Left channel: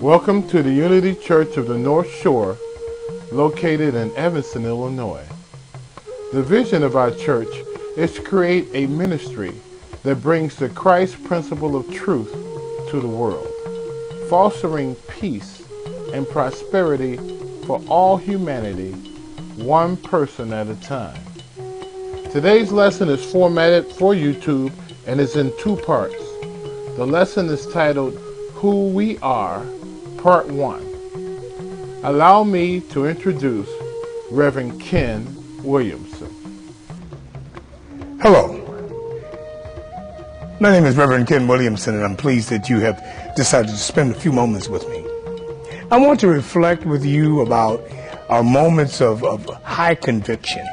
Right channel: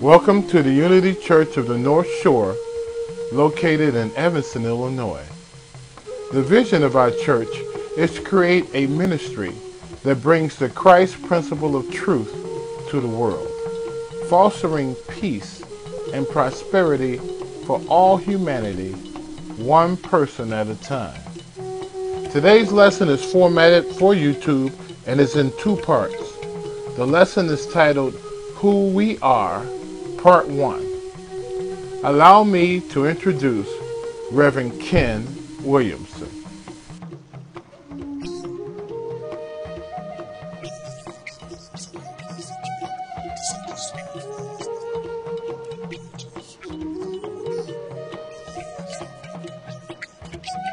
Welcome to the Unity Church of the North Shore, located in Evanston, Illinois. The vision of our church is to create a ministry that brings the Christ principle of truth to the world, fostering peace and prosperity for all humanity, one person at a time. Today's lesson is formatted for YouTube and is in two parts. The lesson is titled, Who We Are, Part 1. Allow me to introduce Reverend Ken Williamson. Hello. My name is Reverend Ken Williamson, and I'm pleased that you have decided to spend a few moments with me. I want to reflect with you about our moments of high conviction,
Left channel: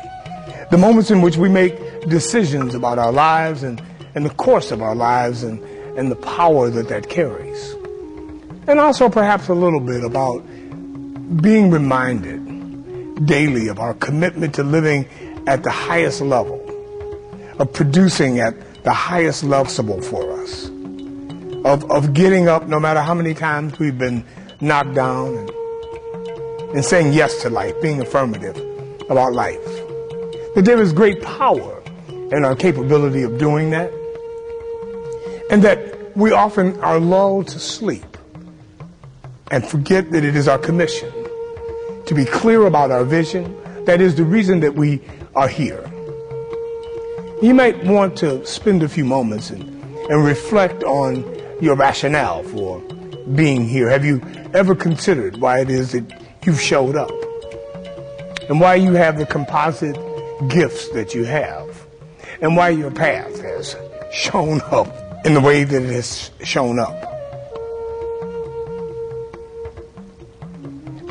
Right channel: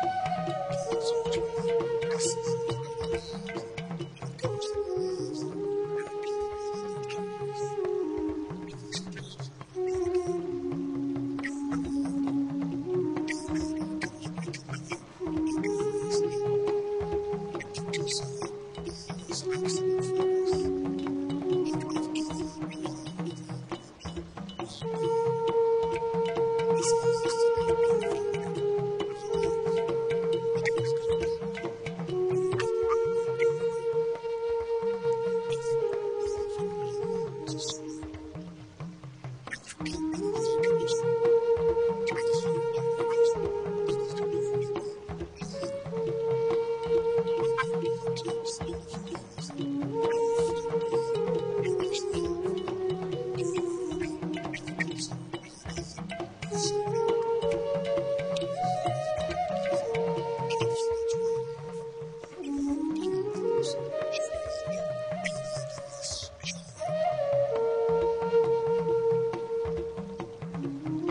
the moments in which we make decisions about our lives and the course of our lives and the power that carries. And also perhaps a little bit about being reminded daily of our commitment to living at the highest level, of producing at the highest level for us, of getting up no matter how many times we've been knocked down and saying yes to life, being affirmative about life. That there is great power in our capability of doing that, and that we often are lulled to sleep and forget that it is our commission to be clear about our vision. That is the reason that we are here. You might want to spend a few moments and reflect on your rationale for being here. Have you ever considered why it is that you've showed up and why you have the composite gifts that you have and why your path has shown up in the way that it has shown up?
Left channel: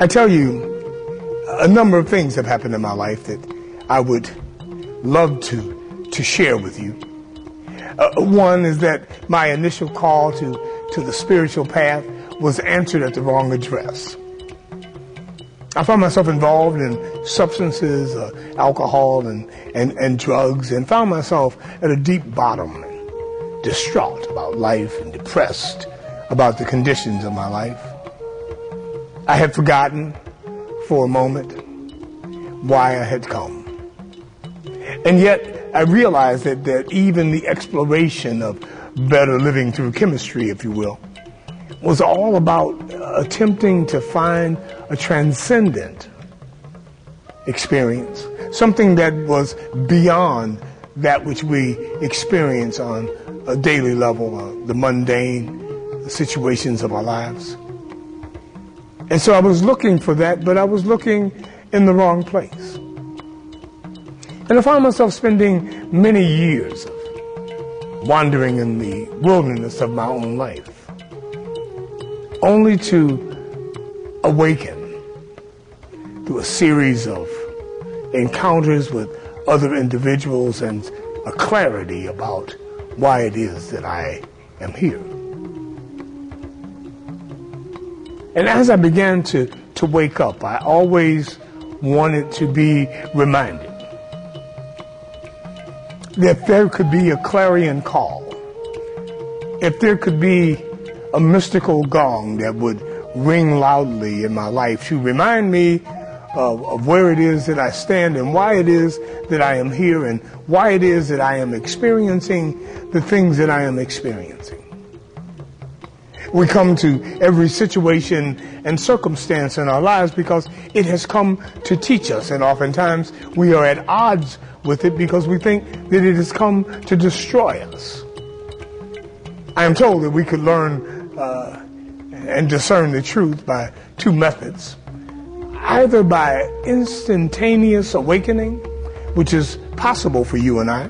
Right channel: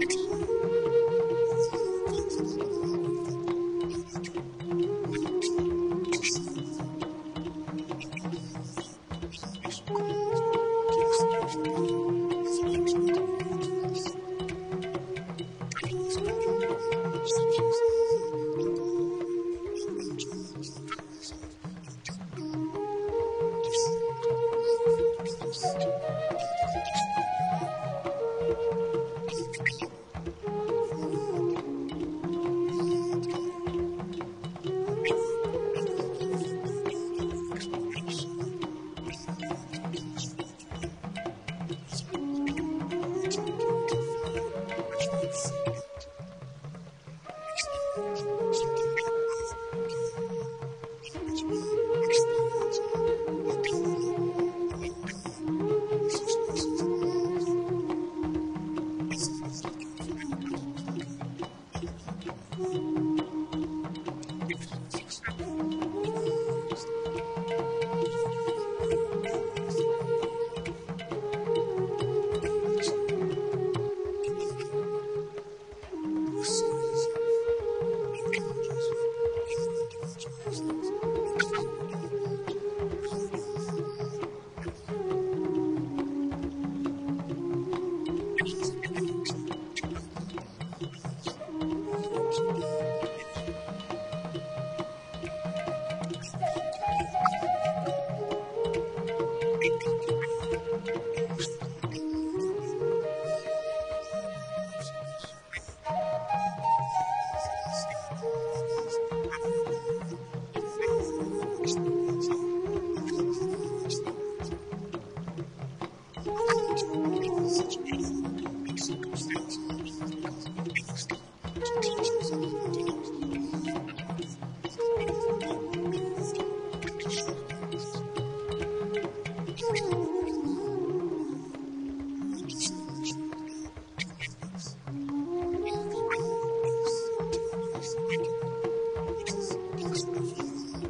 I tell you, a number of things have happened in my life that I would love to share with you. One is that my initial call to the spiritual path was answered at the wrong address. I found myself involved in substances, alcohol and drugs, and found myself at a deep bottom, and distraught about life and depressed about the conditions of my life. I had forgotten for a moment why I had come. And yet I realized that even the exploration of better living through chemistry, if you will, was all about attempting to find a transcendent experience, something that was beyond that which we experience on a daily level, the mundane situations of our lives. And so I was looking for that, but I was looking in the wrong place. And I found myself spending many years wandering in the wilderness of my own life, only to awaken through a series of encounters with other individuals and a clarity about why it is that I am here. And as I began to wake up, I always wanted to be reminded that there could be a clarion call, if there could be a mystical gong that would ring loudly in my life to remind me of where it is that I stand and why it is that I am here and why it is that I am experiencing the things that I am experiencing. We come to every situation and circumstance in our lives because it has come to teach us, and oftentimes we are at odds with it because we think that it has come to destroy us. I am told that we could learn and discern the truth by two methods. Either by instantaneous awakening, which is possible for you and I,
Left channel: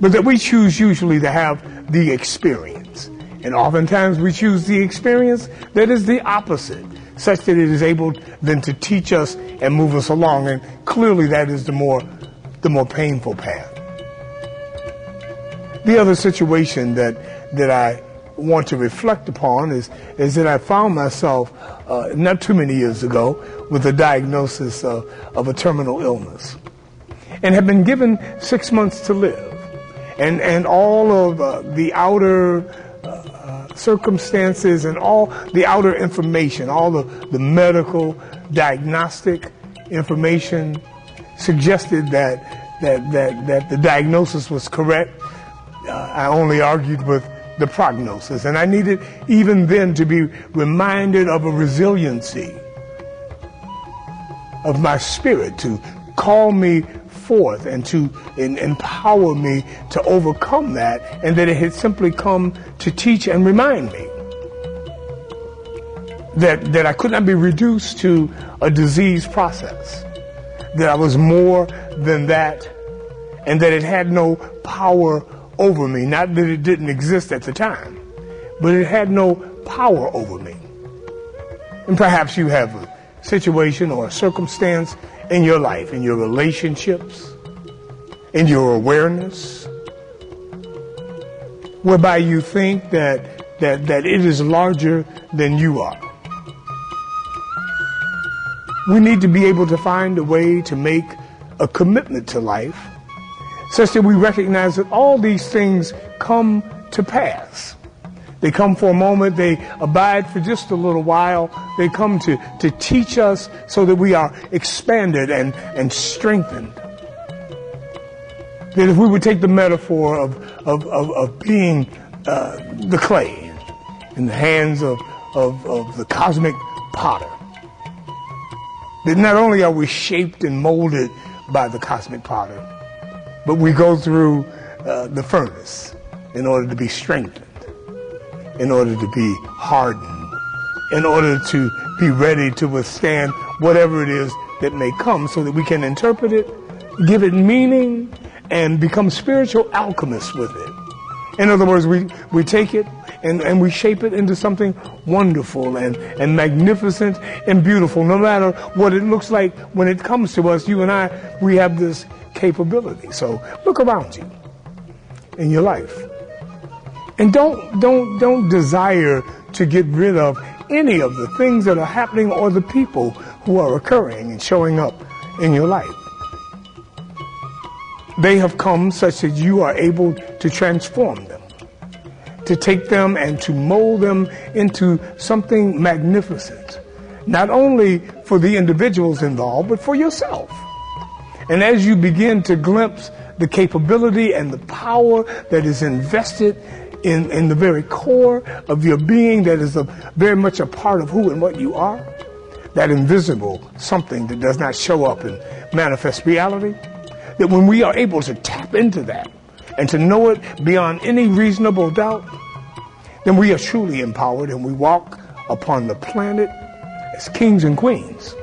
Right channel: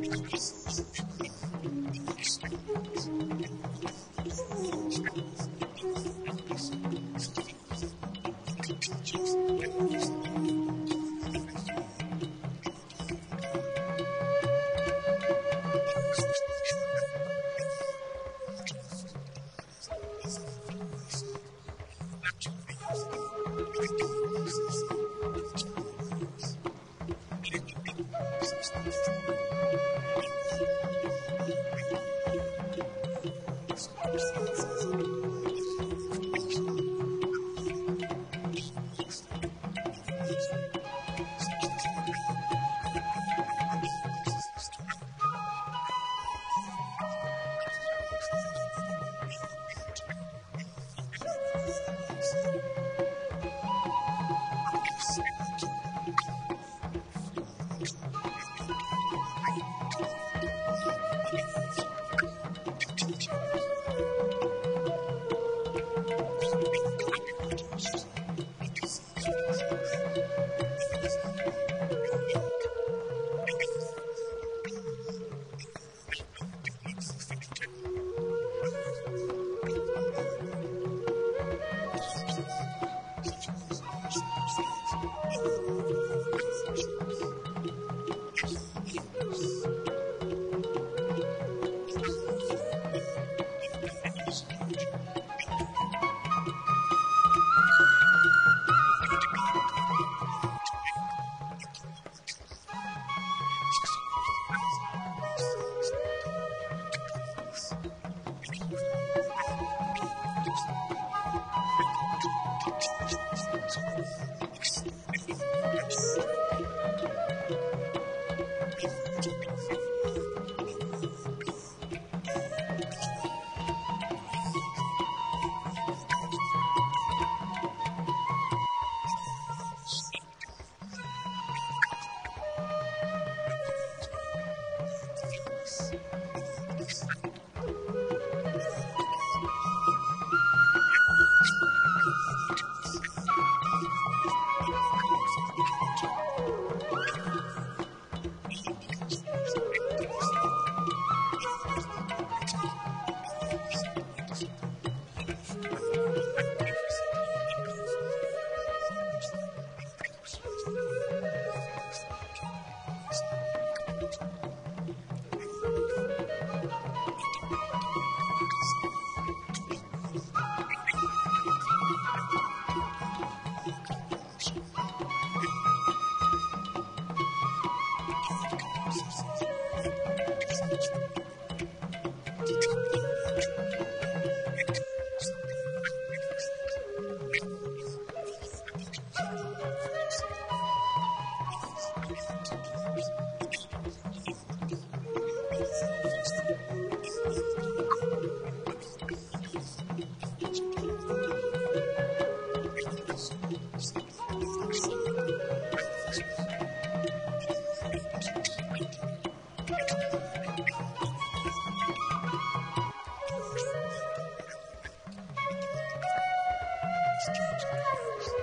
but that we choose usually to have the experience. And oftentimes we choose the experience that is the opposite, such that it is able then to teach us and move us along. And clearly that is the more painful path. The other situation that I want to reflect upon is that I found myself not too many years ago with a diagnosis of a terminal illness and have been given 6 months to live. And all of the outer circumstances and all the outer information, all the medical diagnostic information suggested that the diagnosis was correct. I only argued with the prognosis, and I needed even then to be reminded of a resiliency of my spirit to call me forth and to empower me to overcome that, and that it had simply come to teach and remind me that I could not be reduced to a disease process, that I was more than that, and that it had no power over me. Not that it didn't exist at the time, but it had no power over me. And perhaps you have a situation or a circumstance in your life, in your relationships, in your awareness, whereby you think that it is larger than you are. We need to be able to find a way to make a commitment to life such that we recognize that all these things come to pass. They come for a moment, they abide for just a little while, they come to teach us so that we are expanded and strengthened. That if we would take the metaphor of being the clay in the hands of the cosmic potter, that not only are we shaped and molded by the cosmic potter, but we go through the furnace in order to be strengthened, in order to be hardened, in order to be ready to withstand whatever it is that may come, so that we can interpret it, give it meaning, and become spiritual alchemists with it. In other words, we take it and we shape it into something wonderful and magnificent and beautiful. No matter what it looks like when it comes to us, you and I, we have this capability. So look around you in your life. And don't desire to get rid of any of the things that are happening or the people who are occurring and showing up in your life. They have come such that you are able to transform them, to take them and to mold them into something magnificent, not only for the individuals involved, but for yourself. And as you begin to glimpse the capability and the power that is invested in the very core of your being, that is very much a part of who and what you are, that invisible something that does not show up in manifest reality, that when we are able to tap into that and to know it beyond any reasonable doubt, then we are truly empowered and we walk upon the planet as kings and queens,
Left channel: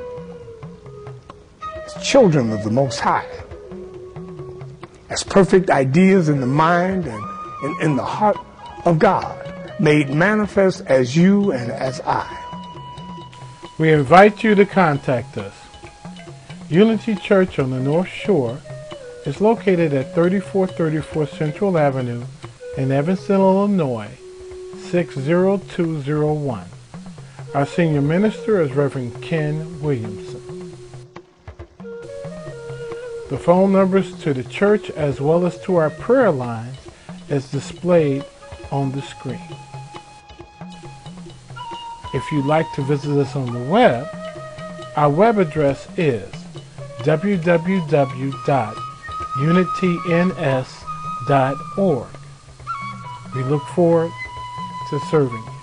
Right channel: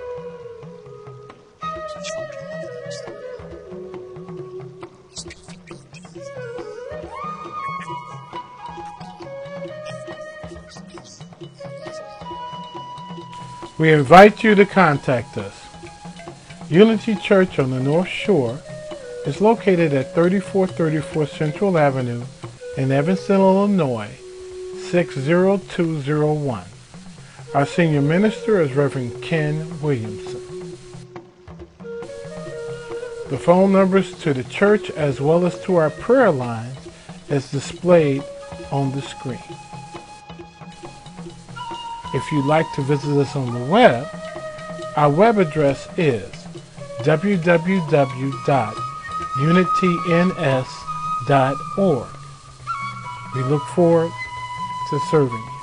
as children of the Most High, as perfect ideas in the mind and in the heart of God, made manifest as you and as I. We invite you to contact us. Unity Church on the North Shore is located at 3434 Central Avenue in Evanston, Illinois, 60201. Our senior minister is Reverend Ken Williamson. The phone numbers to the church as well as to our prayer lines is displayed on the screen. If you'd like to visit us on the web, our web address is www.unityns.org. We look forward to serving you.